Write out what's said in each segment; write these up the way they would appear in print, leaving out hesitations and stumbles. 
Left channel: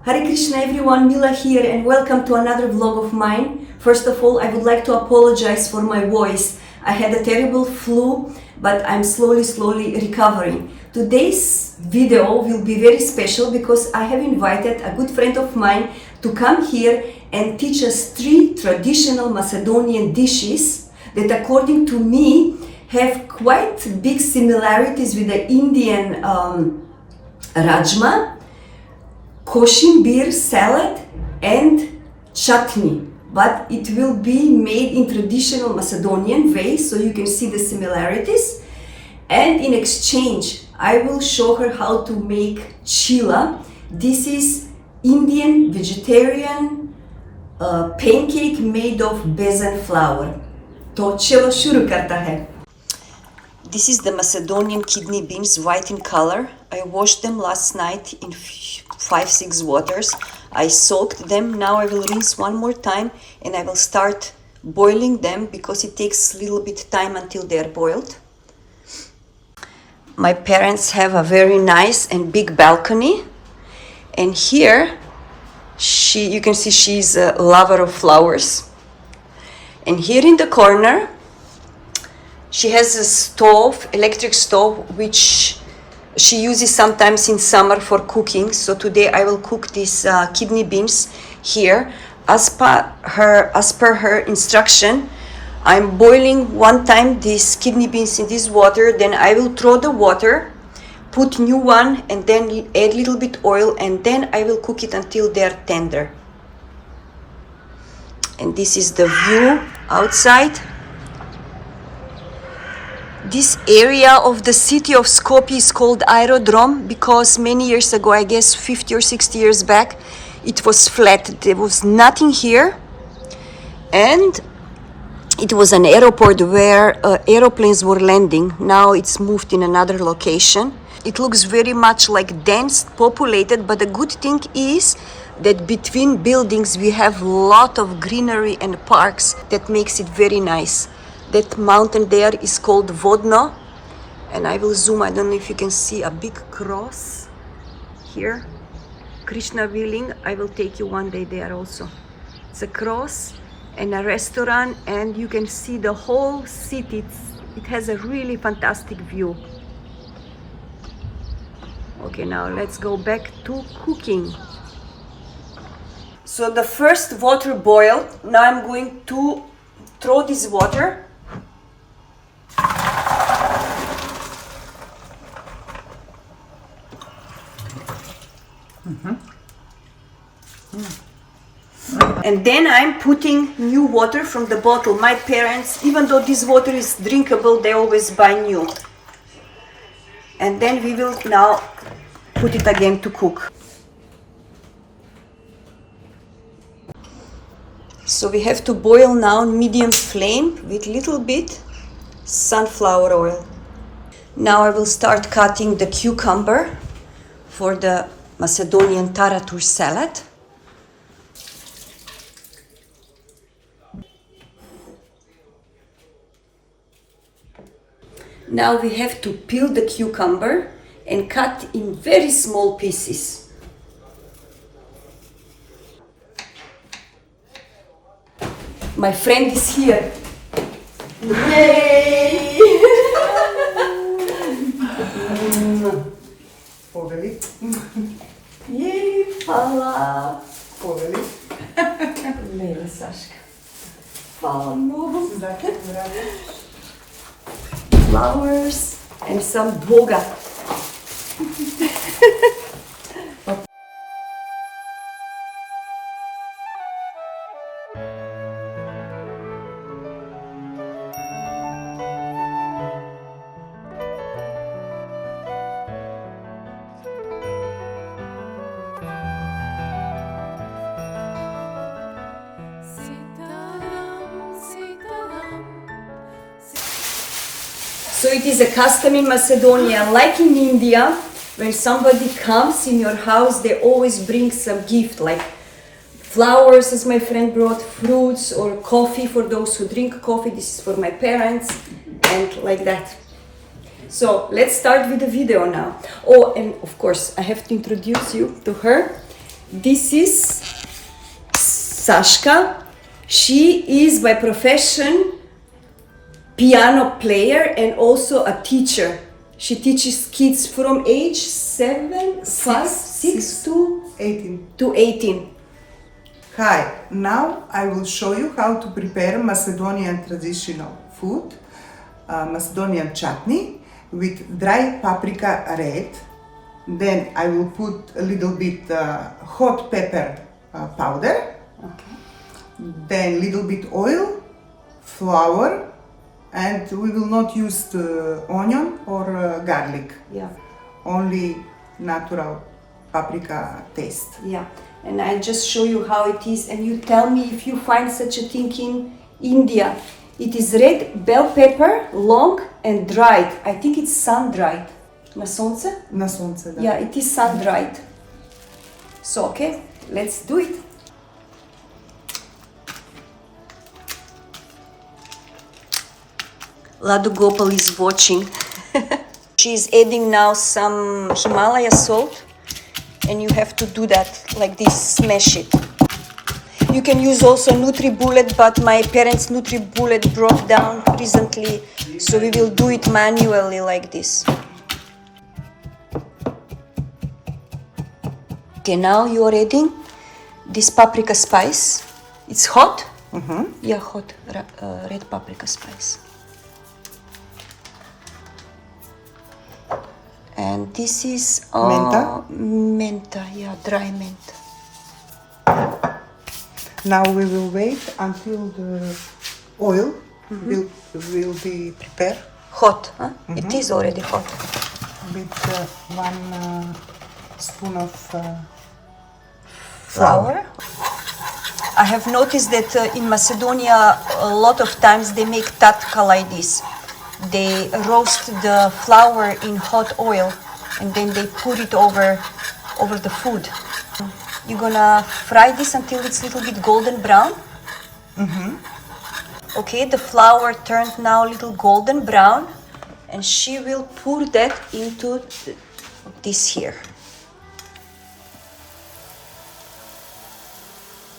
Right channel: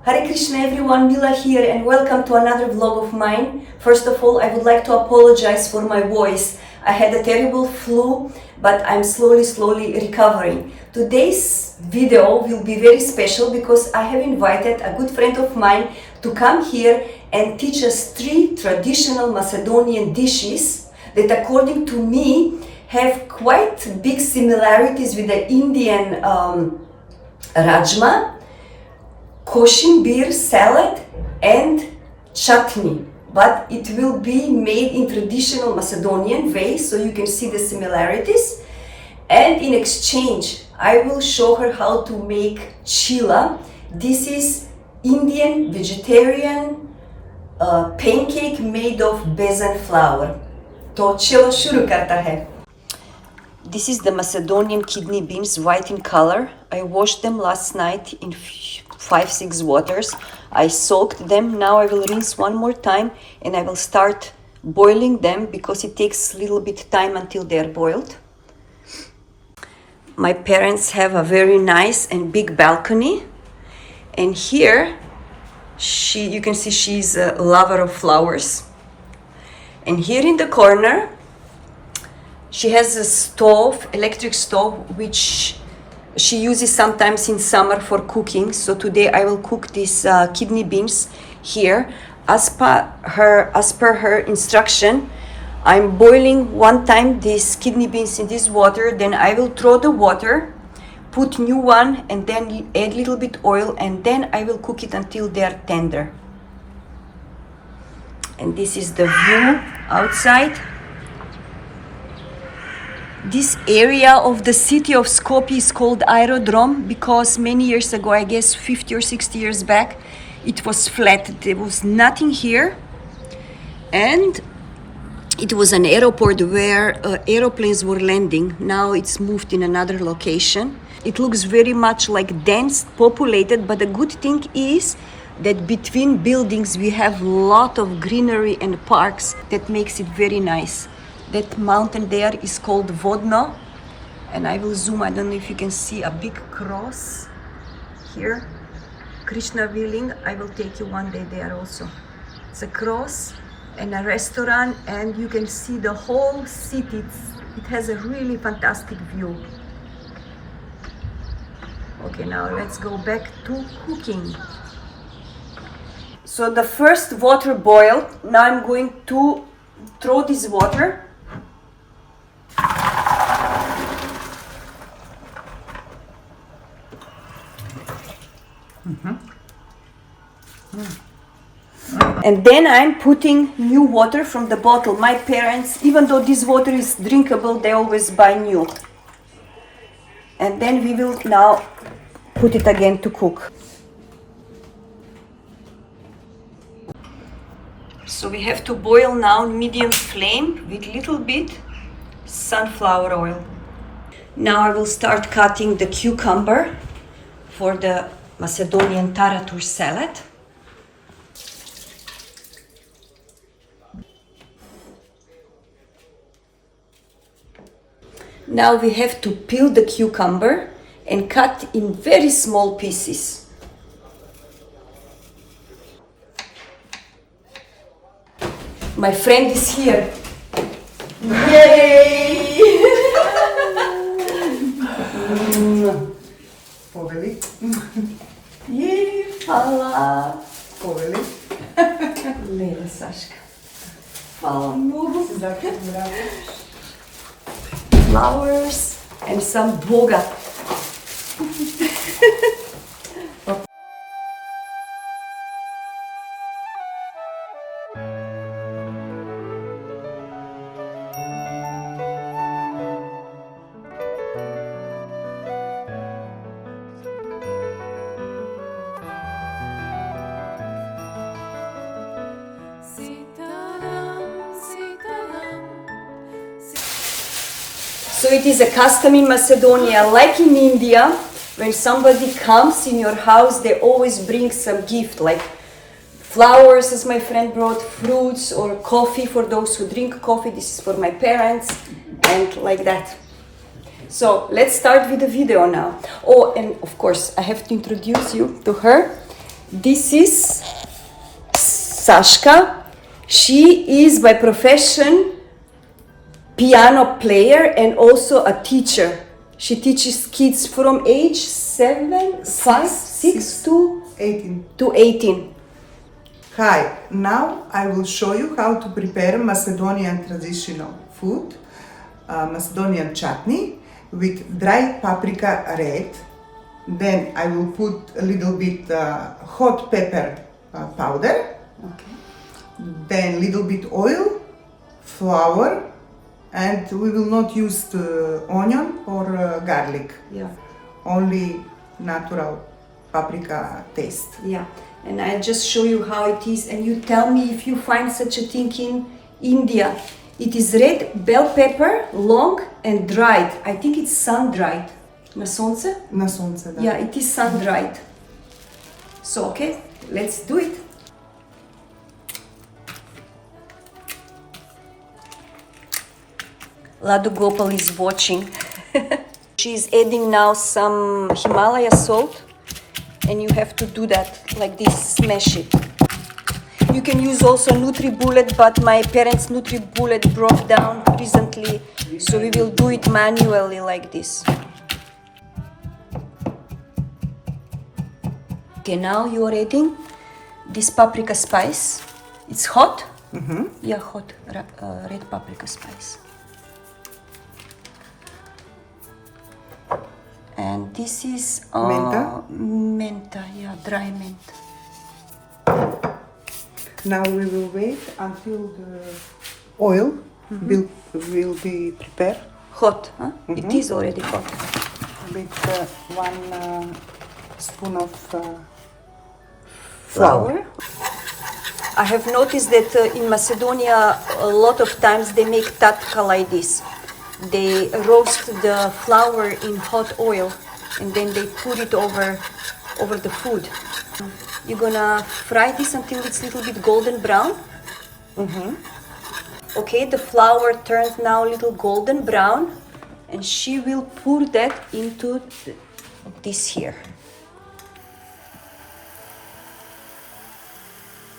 Hare Krishna everyone, Mila here and welcome to another vlog of mine. First of all, I would like to apologize for my voice. I had a terrible flu, but I'm slowly recovering. Today's video will be very special because I have invited a good friend of mine to come here and teach us 3 traditional Macedonian dishes that, according to me, have quite big similarities with the Indian rajma, koshimbir salad and chutney, but it will be made in traditional Macedonian way, so you can see the similarities. And in exchange, I will show her how to make cheela. This is Indian vegetarian pancake made of besan flour. To chelo shuru karta hai. This is the Macedonian kidney beans, white in color. I washed them last night in 5-6 waters. I soaked them. Now I will rinse one more time and I will start boiling them because it takes a little bit time until they are boiled. My parents have a very nice and big balcony, and here you can see she's a lover of flowers. And here in the corner she has a stove, electric stove, which she uses sometimes in summer for cooking. So today I will cook these kidney beans here. As per her instruction, I'm boiling one time these kidney beans in this water, then I will throw the water, put new one, and then add a little bit oil, and then I will cook it until they are tender. And this is the view outside. This area of the city of Skopje is called Aerodrome because many years ago, I guess 50 or 60 years back, it was flat. There was nothing here. And it was an airport where aeroplanes were landing. Now it's moved in another location. It looks very much like dense, populated, but the good thing is that between buildings we have a lot of greenery and parks that makes it very nice. That mountain there is called Vodno, and I will zoom. I don't know if you can see a big cross here. Krishna willing, I will take you one day there also. It's a cross and a restaurant, and you can see the whole city. It has a really fantastic view. Okay, now let's go back to cooking. So the first water boiled. Now I'm going to throw this water. And then I'm putting new water from the bottle. My parents, even though this water is drinkable, they always buy new. And then we will now put it again to cook. So we have to boil now medium flame with little bit sunflower oil. Now I will start cutting the cucumber for the Macedonian taratur salad. Now we have to peel the cucumber and cut in very small pieces. My friend is here. Yay! Poveli. Yay, hvala. Poveli. Lele, Saška. Hvala mnogo. Flowers and some boga. So it is a custom in Macedonia, like in India, when somebody comes in your house, they always bring some gift, like flowers, as my friend brought, fruits, or coffee for those who drink coffee. This is for my parents, and like that. So let's start with the video now. Oh, and of course, I have to introduce you to her. This is Sashka. She is by profession piano player and also a teacher. She teaches kids from age 6 to 18. Hi, now I will show you how to prepare Macedonian traditional food, Macedonian chutney with dry paprika red. Then I will put a little bit hot pepper powder. Okay. Then little bit oil, flour, and we will not use the onion or garlic. Yeah. Only natural paprika taste. Yeah. And I just show you how it is, and you tell me if you find such a thing in India. It is red bell pepper, long and dried. I think it's sun-dried. Na sonce? Na sonce, da. Yeah, it is sun-dried. So, okay, let's do it. Ladu Gopal is watching. She is adding now some Himalaya salt, and you have to do that like this, smash it. You can use also NutriBullet, but my parents' NutriBullet broke down recently, so we will do it manually like this. Okay, now you are adding this paprika spice. It's hot? Mm-hmm. Yeah, hot red paprika spice. And this is Menta? Menta, yeah, dry menta. Now we will wait until the oil will be prepared Hot, huh? It is already hot. with 1 spoon of Flour. I have noticed that in Macedonia a lot of times they make tatka like this. They roast the flour in hot oil and then they put it over the food. You're gonna fry this until it's a little bit golden brown. Okay, the flour turned now a little golden brown, and she will pour that into this here.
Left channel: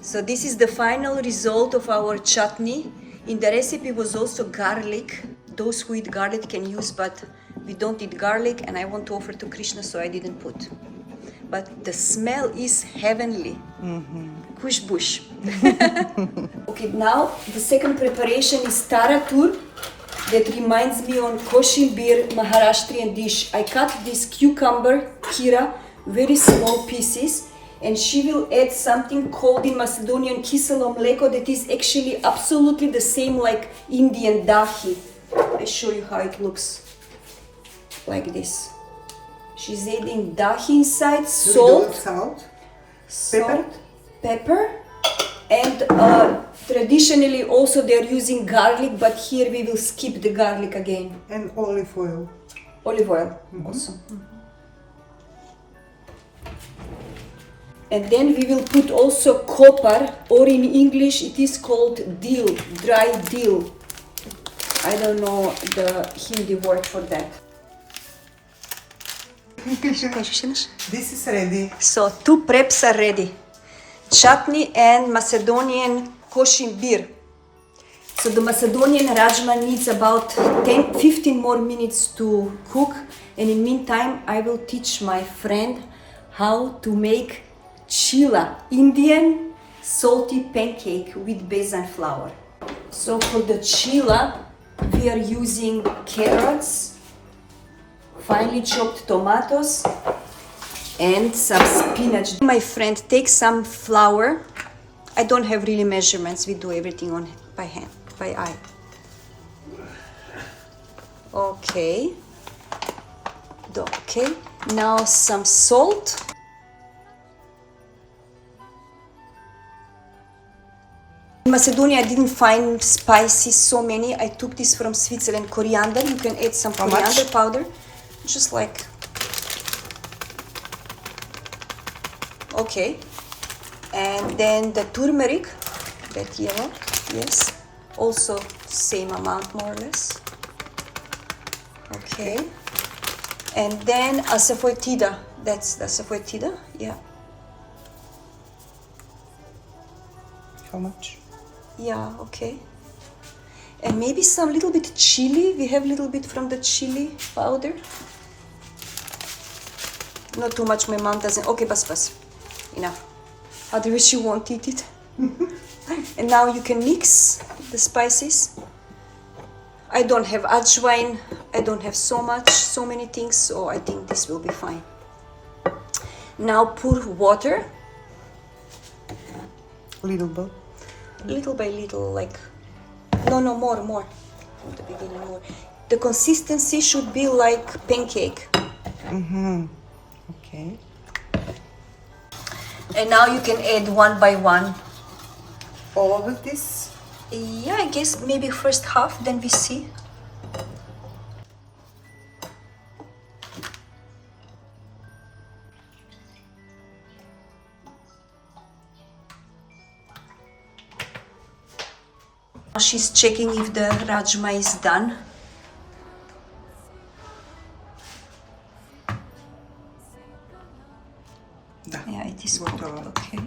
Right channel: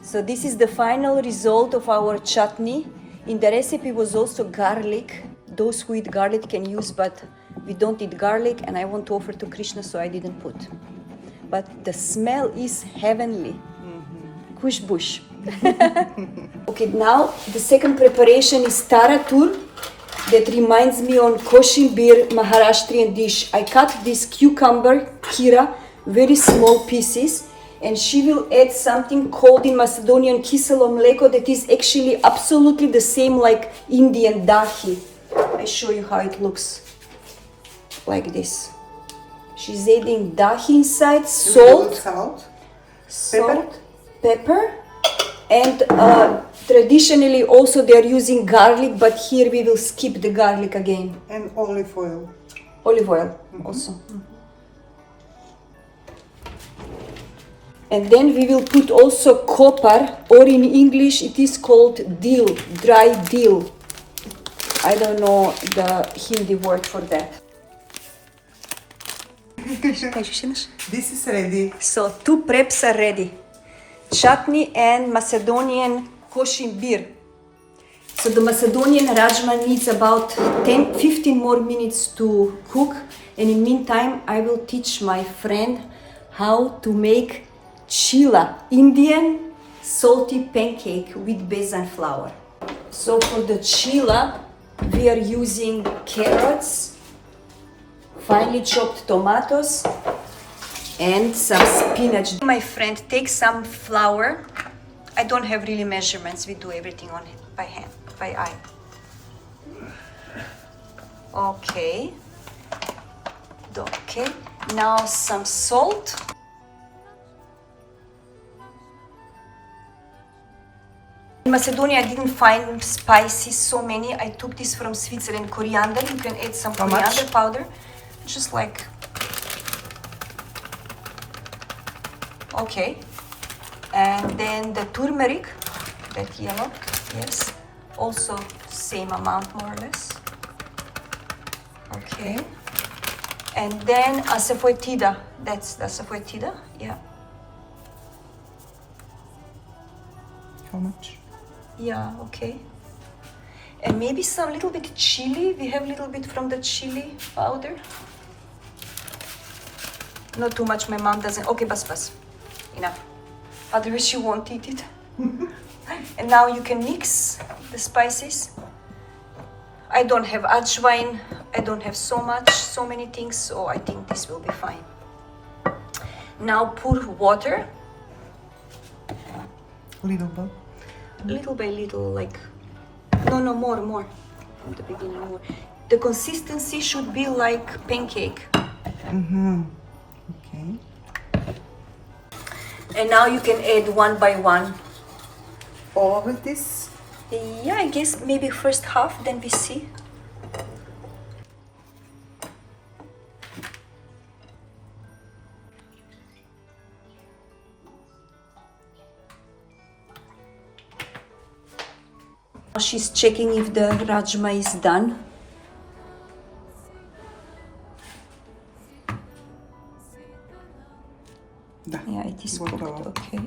So this is the final result of our chutney. In the recipe was also garlic. Those who eat garlic can use, but we don't eat garlic, and I want to offer to Krishna, so I didn't put. But the smell is heavenly. Kushbush. Okay, now the second preparation is taratur. That reminds me on koshimbir Maharashtrian dish. I cut this cucumber, kira, very small pieces, and she will add something called in Macedonian kiselo mleko that is actually absolutely the same like Indian dahi. I show you how it looks. Like this. She's adding dahi inside, salt, pepper, and traditionally also they are using garlic, but here we will skip the garlic again. and olive oil. Olive oil also. And then we will put also kopar, or in English it is called dill, dry dill. I don't know the Hindi word for that. This is ready. So 2 preps are ready. Chutney and Macedonian koshimbir. So the Macedonian rajma needs about 10-15 more minutes to cook. And in meantime, I will teach my friend how to make cheela, Indian salty pancake with besan flour. So for the cheela, we are using carrots, finely chopped tomatoes, and some spinach. My friend takes some flour. I don't have really measurements. We do everything by hand, by eye. Okay. Okay. Now some salt. In Macedonia, I didn't find spices so many. I took this from Switzerland. Coriander. You can add some coriander powder, just like. Okay, and then the turmeric, that yellow, yes, also same amount more or less. Okay, and then asafoetida, that's the asafoetida, yeah. how much? Yeah, okay. And maybe some little bit chili. We have little bit from the chili powder. Not too much, my mom doesn't. Okay, bas. Enough. Otherwise she won't eat it. And now you can mix the spices. I don't have ajwain. I don't have so many things, so I think this will be fine. Now pour water. Little bit. Little by little, like, no, more. From the beginning, more. The consistency should be like pancake. Okay. And now you can add one by one. All of this? Yeah, I guess maybe first half, then we see. She's checking if the rajma is done. Da. Yeah, it is cooked, Gotovo. okay.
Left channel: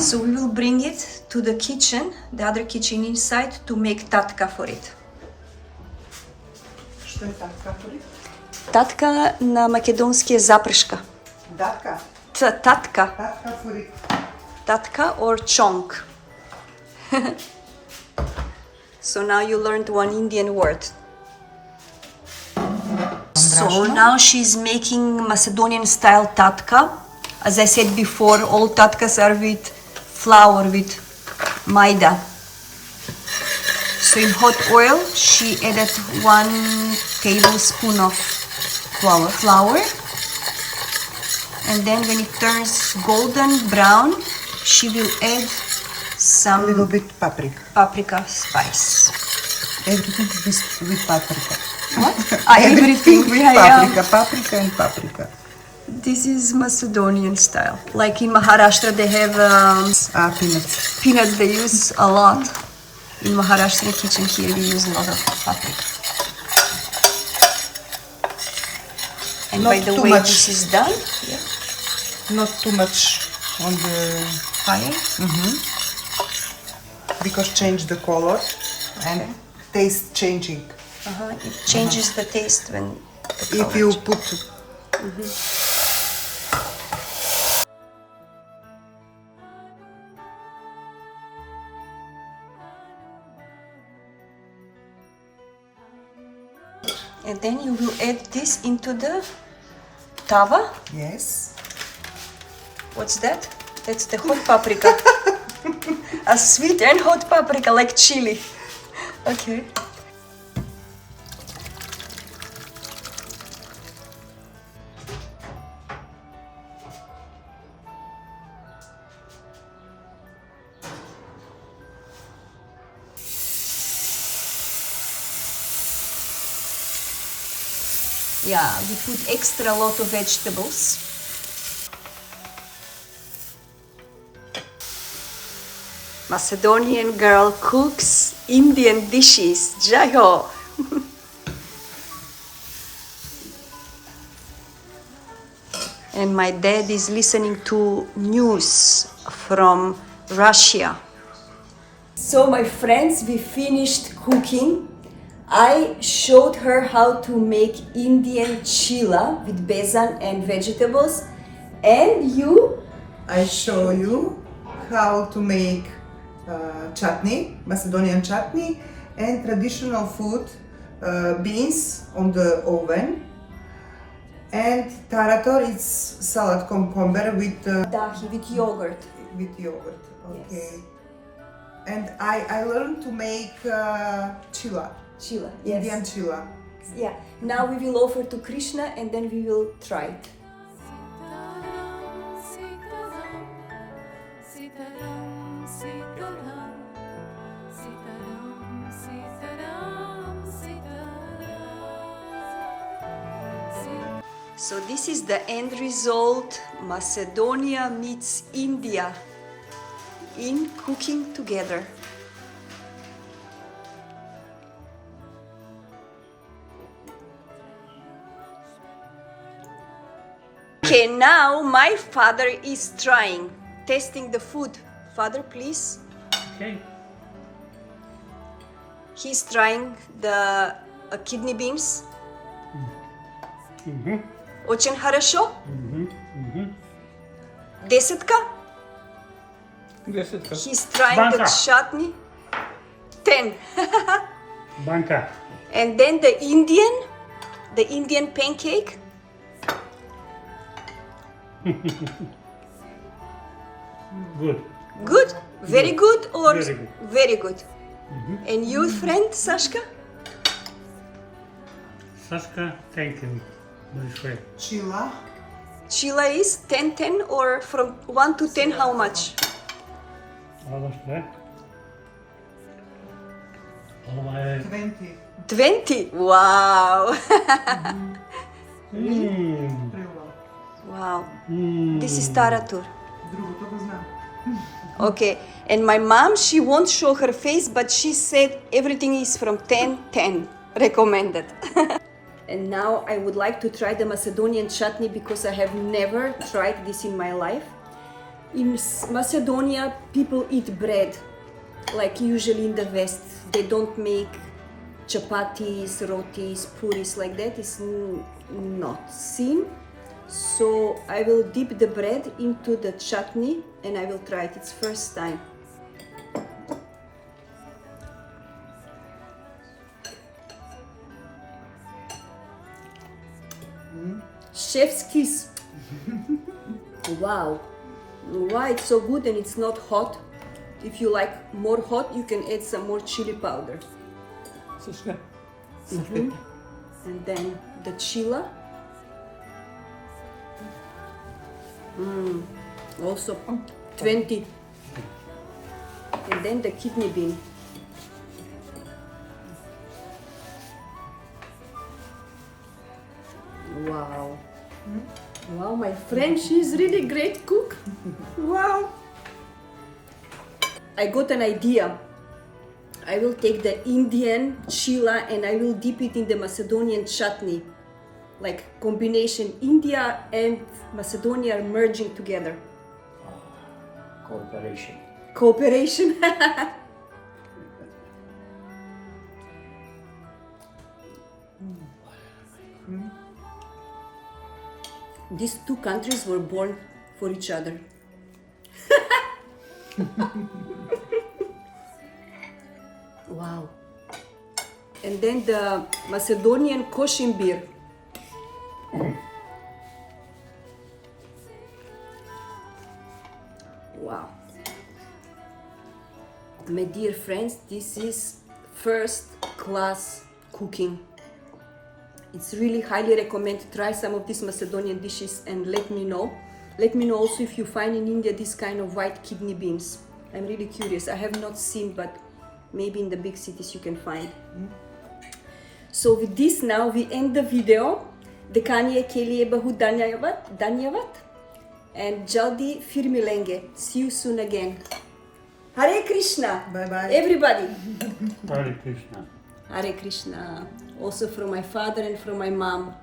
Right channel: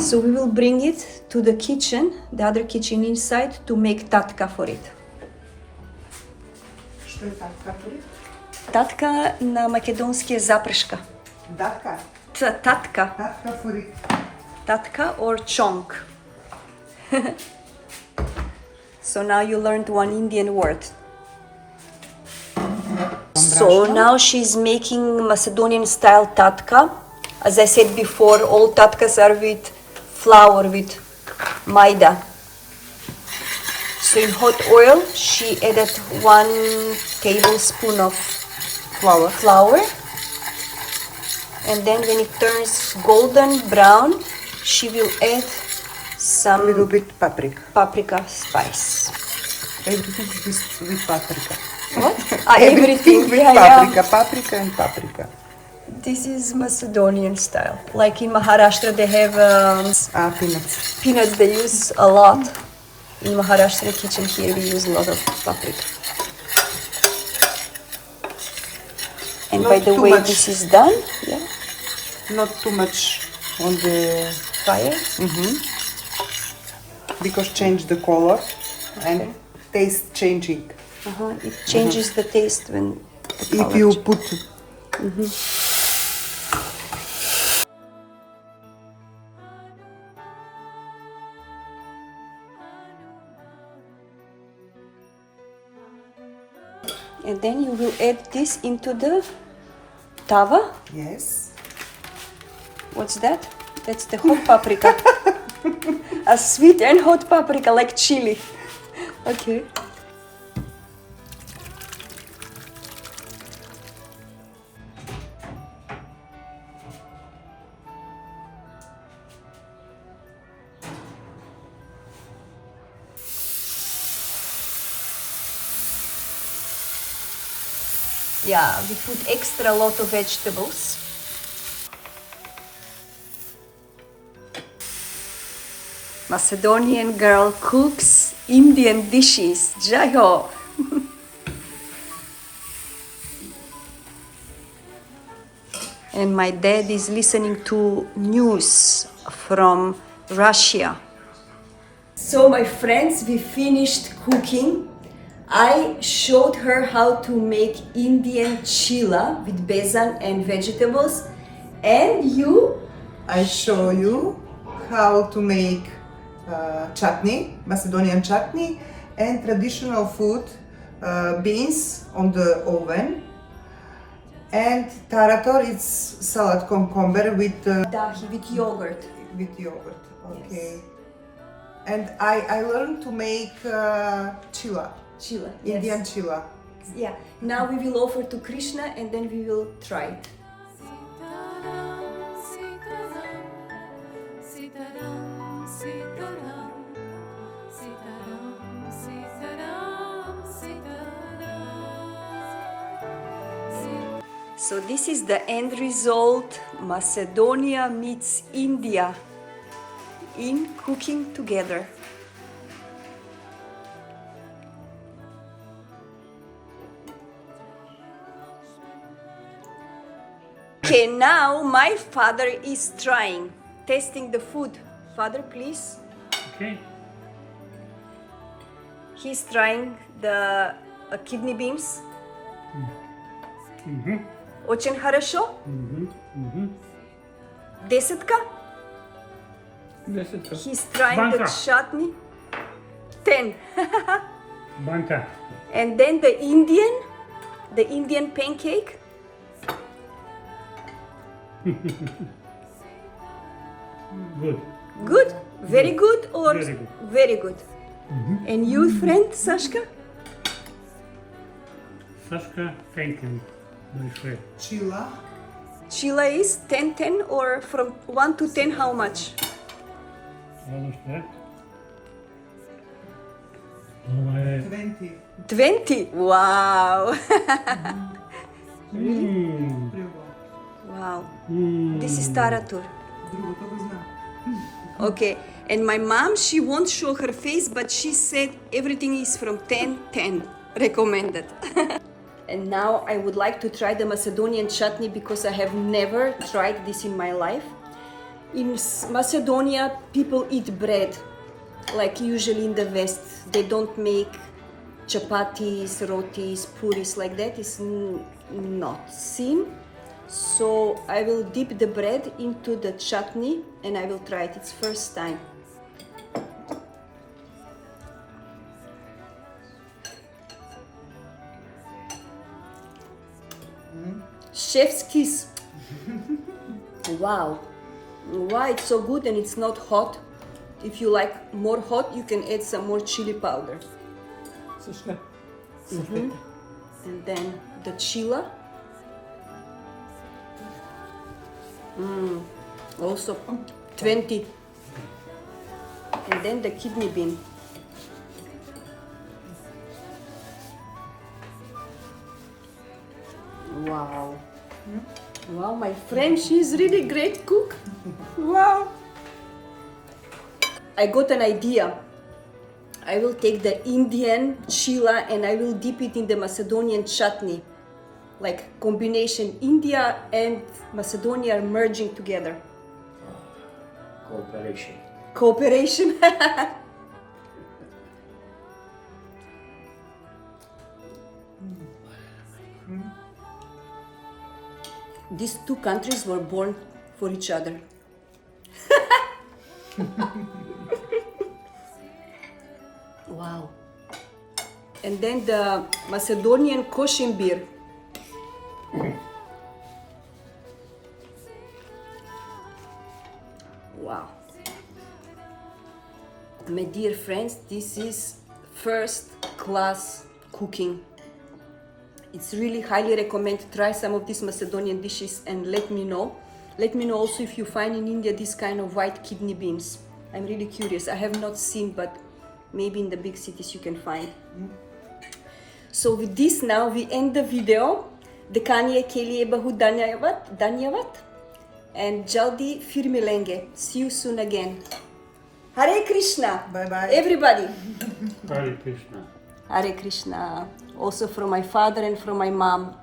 So we will bring it to the kitchen, the other kitchen inside, to make tatka for it. Što je tatka? Tatka na makedonski je zaprška. Datka. Tatka. Tatka furik. Tatka or chonk. So now you learned one Indian word. So now she's making Macedonian style tatka. As I said before, all tatkas are with flour, with maida. So in hot oil, she added 1 tablespoon of flour. And then when it turns golden brown, she will add some Little bit paprika. paprika spice. Everything is with paprika. What? Everything. Paprika and paprika. This is Macedonian style. Like in Maharashtra, they have Peanuts. peanuts. They use a lot. In Maharashtrian kitchen here, we use a lot of paprika. And Not by the too way, much. this is done. Yeah. Not too much on the Fire. because change the color and taste changing. It changes the taste when the color If you put And then you will add this into the tava. yes, What's that? That's the hot paprika. A sweet and hot paprika, like chili. Okay. Yeah, we put extra lot of vegetables. Macedonian girl cooks Indian dishes. Jai ho! And my dad is listening to news from Russia. So my friends, we finished cooking. I showed her how to make Indian cheela with besan and vegetables. And you? I show you how to make chutney, Macedonian chutney, and traditional food, beans on the oven, and taratur, it's salad cucumber with Dahi, with yogurt. yogurt. Okay. Yes. And I learned to make cheela, Cheela, Indian yes. cheela. Yeah. Now we will offer to Krishna and then we will try it. Sitaram, Sitaram, Sitaram, Sitaram, Sitaram. So this is the end result. Macedonia meets India in cooking together. Okay, now my father is trying, tasting the food. Father, please. Okay. He's trying the kidney beans. Очень хорошо. Десятка. Десятка. He's trying the Banka. chutney. 10. Banka. And then the Indian pancake. Good. Good, very good, or Very good. very good. And you, friend Sashka? Sashka, thank you. My friend. Cheela. Cheela is 10, 10, or from 1 to 10, how much? What was that? 20. 20. Wow. Mm. Wow. Mm. This is taratur. Другото го знам. Okay. And my mom, she won't show her face, but she said everything is from 10, 10. Recommended. And now I would like to try the Macedonian chutney because I have never tried this in my life. In Macedonia, people eat bread, like usually in the West. They don't make chapatis, rotis, puris like that. It's not seen. So I will dip the bread into the chutney and I will try it. It's first time. Chef's kiss. Wow. Why it's so good and it's not hot. If you like more hot, you can add some more chili powder. Sashka. And then the cheela. Also 20. And then the kidney bean. Wow. Wow, my friend, she's really great cook. Wow. I got an idea. I will take the Indian cheela and I will dip it in the Macedonian chutney. Like combination, India and Macedonia are merging together. Cooperation. Cooperation. These two countries were born for each other. Wow. And then the Macedonian koshimbir. Wow. My dear friends, this is first class cooking. It's really highly recommend to try some of these Macedonian dishes and let me know. Let me know also if you find in India this kind of white kidney beans. I'm really curious. I have not seen, but maybe in the big cities you can find. So with this now we end the video. Dekaniye ke liye bahut dhanyavad. And jaldi fir milenge. See you soon again. Hare Krishna. Bye bye. Everybody. Hare Krishna. Hare Krishna. Also from my father and from my mom.